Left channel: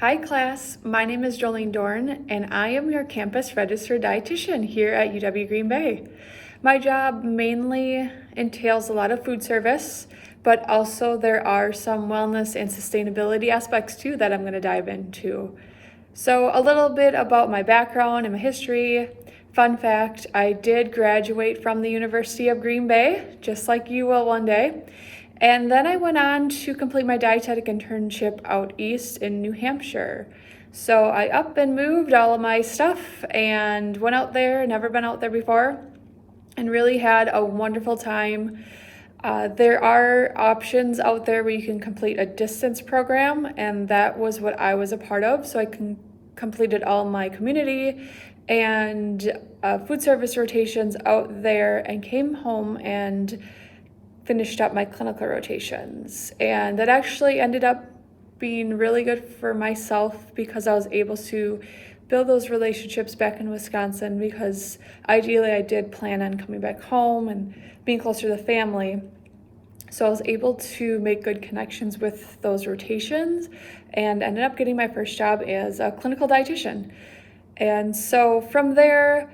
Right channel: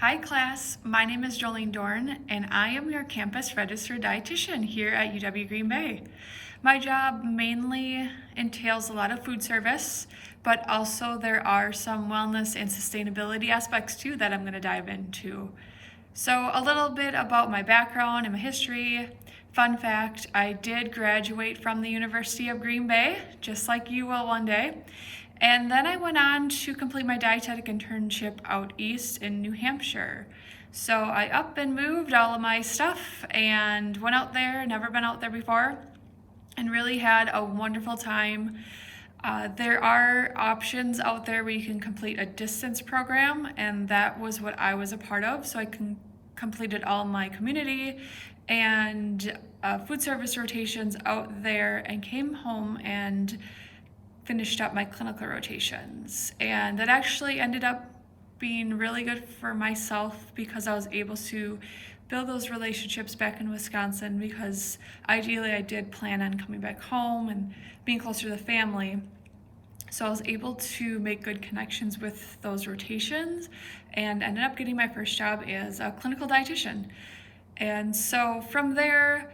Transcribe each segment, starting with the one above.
Hi class, my name is Jolene Dorn and I am your campus registered dietitian here at UW Green Bay. My job mainly entails a lot of food service, but also there are some wellness and sustainability aspects too that I'm going to dive into. So a little bit about my background and my history. Fun fact, I did graduate from the University of Green Bay, just like you will one day. And then I went on to complete my dietetic internship out east in New Hampshire. So I up and moved all of my stuff and went out there, never been out there before, and really had a wonderful time. There are options out there where you can complete a distance program, and that was what I was a part of. So I completed all my community and food service rotations out there and came home and finished up my clinical rotations. And that actually ended up being really good for myself because I was able to build those relationships back in Wisconsin, because ideally I did plan on coming back home and being closer to the family. So I was able to make good connections with those rotations and ended up getting my first job as a clinical dietitian. And so from there,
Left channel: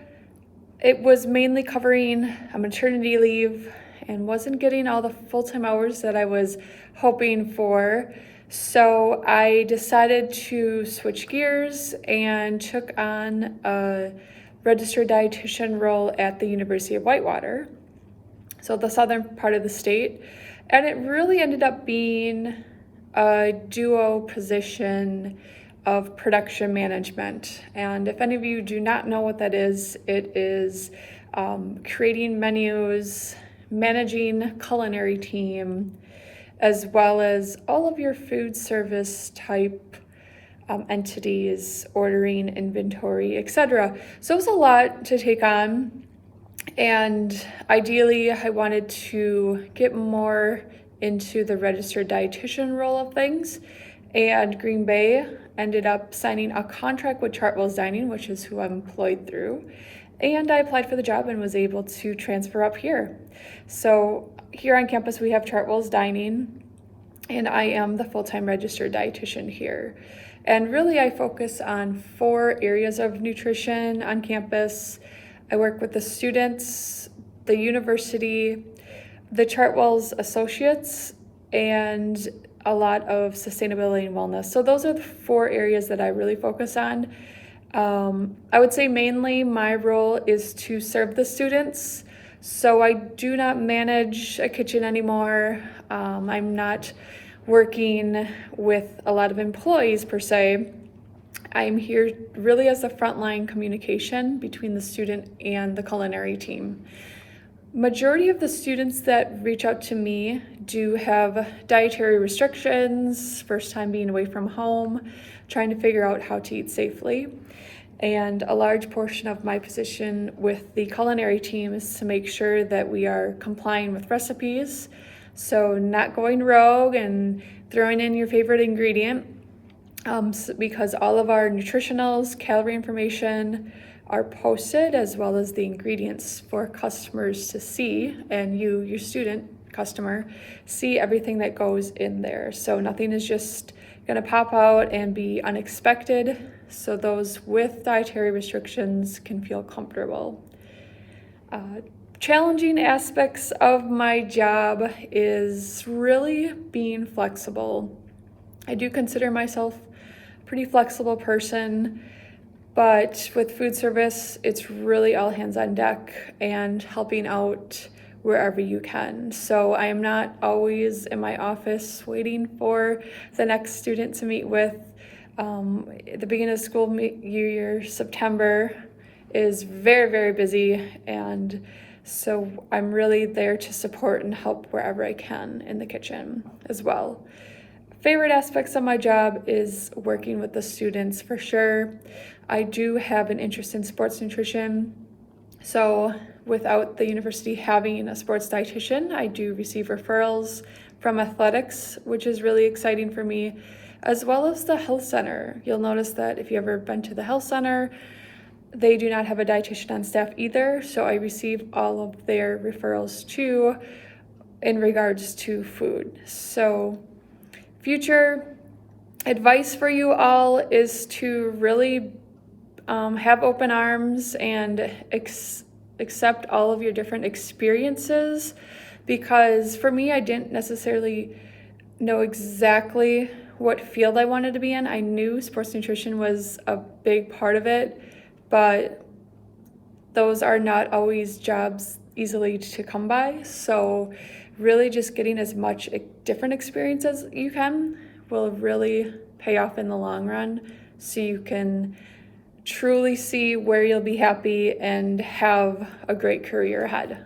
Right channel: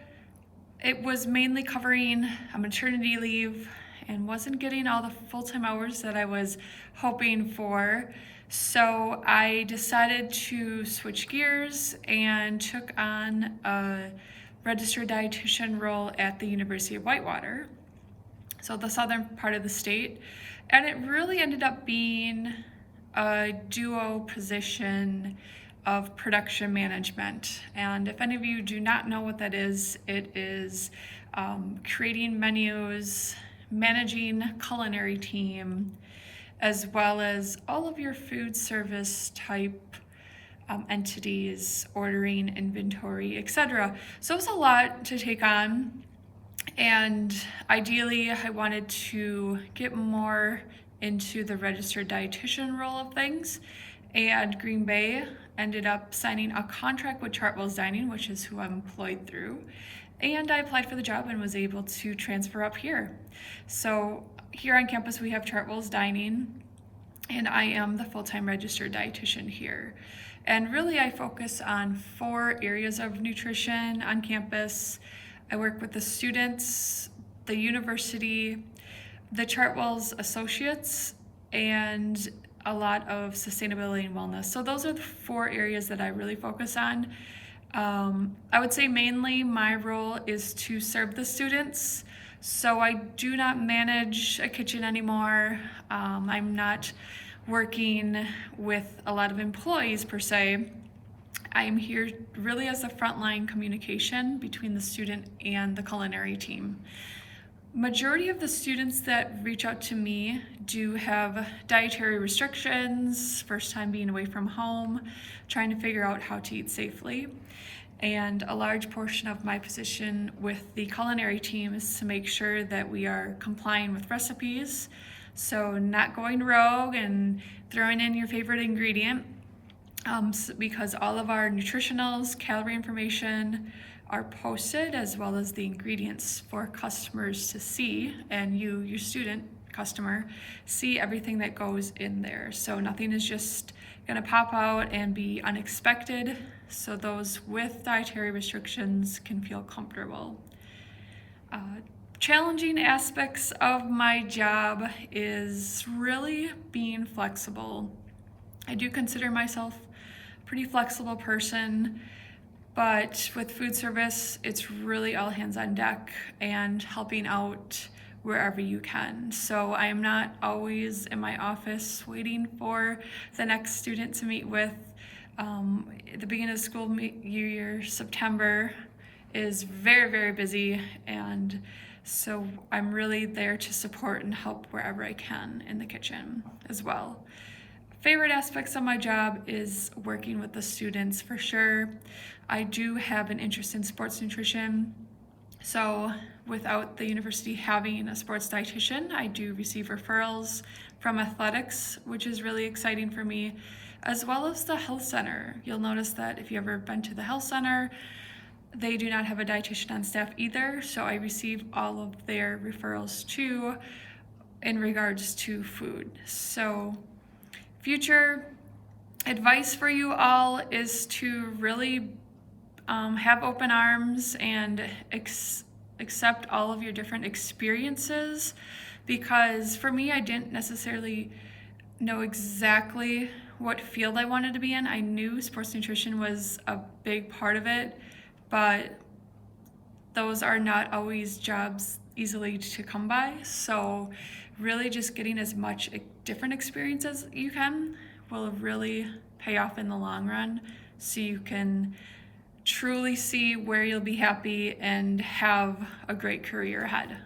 it was mainly covering a maternity leave and wasn't getting all the full-time hours that I was hoping for. So I decided to switch gears and took on a registered dietitian role at the University of Whitewater, so the southern part of the state. And it really ended up being a duo position of production management. And if any of you do not know what that is, it is creating menus, managing culinary team, as well as all of your food service type entities, ordering, inventory, etc. So it was a lot to take on. And ideally, I wanted to get more into the registered dietitian role of things. And Green Bay ended up signing a contract with Chartwells Dining, which is who I'm employed through. And I applied for the job and was able to transfer up here. So here on campus, we have Chartwells Dining, and I am the full-time registered dietitian here. And really, I focus on 4 areas of nutrition on campus. I work with the students, the university, the Chartwells associates, and a lot of sustainability and wellness. So those are the 4 areas that I really focus on. I would say mainly my role is to serve the students. So I do not manage a kitchen anymore. I'm not working with a lot of employees per se. I'm here really as a frontline communication between the student and the culinary team. Majority of the students that reach out to me do have dietary restrictions, first time being away from home, trying to figure out how to eat safely. And a large portion of my position with the culinary team is to make sure that we are complying with recipes, so not going rogue and throwing in your favorite ingredient, because all of our nutritionals, calorie information are posted, as well as the ingredients for customers to see, and you, your student customer, see everything that goes in there. So nothing is just gonna pop out and be unexpected, so those with dietary restrictions can feel comfortable. Challenging aspects of my job is really being flexible. I do consider myself a pretty flexible person, but with food service, it's really all hands on deck and helping out wherever you can. So I am not always in my office waiting for the next student to meet with. At the beginning of the school year, September, is very, very busy, and so I'm really there to support and help wherever I can in the kitchen as well. Favorite aspects of my job is working with the students for sure. I do have an interest in sports nutrition, so without the university having a sports dietitian, I do receive referrals from athletics, which is really exciting for me, as well as the health center. You'll notice that if you've ever been to the health center, they do not have a dietitian on staff either, so I receive all of their referrals too in regards to food. So future, advice for you all is to really have open arms and accept all of your different experiences, because for me, I didn't necessarily know exactly what field I wanted to be in. I knew sports nutrition was a big part of it, but those are not always jobs easily to come by. So really just getting as much different experience as you can will really pay off in the long run, so you can truly see where you'll be happy and have a great career ahead.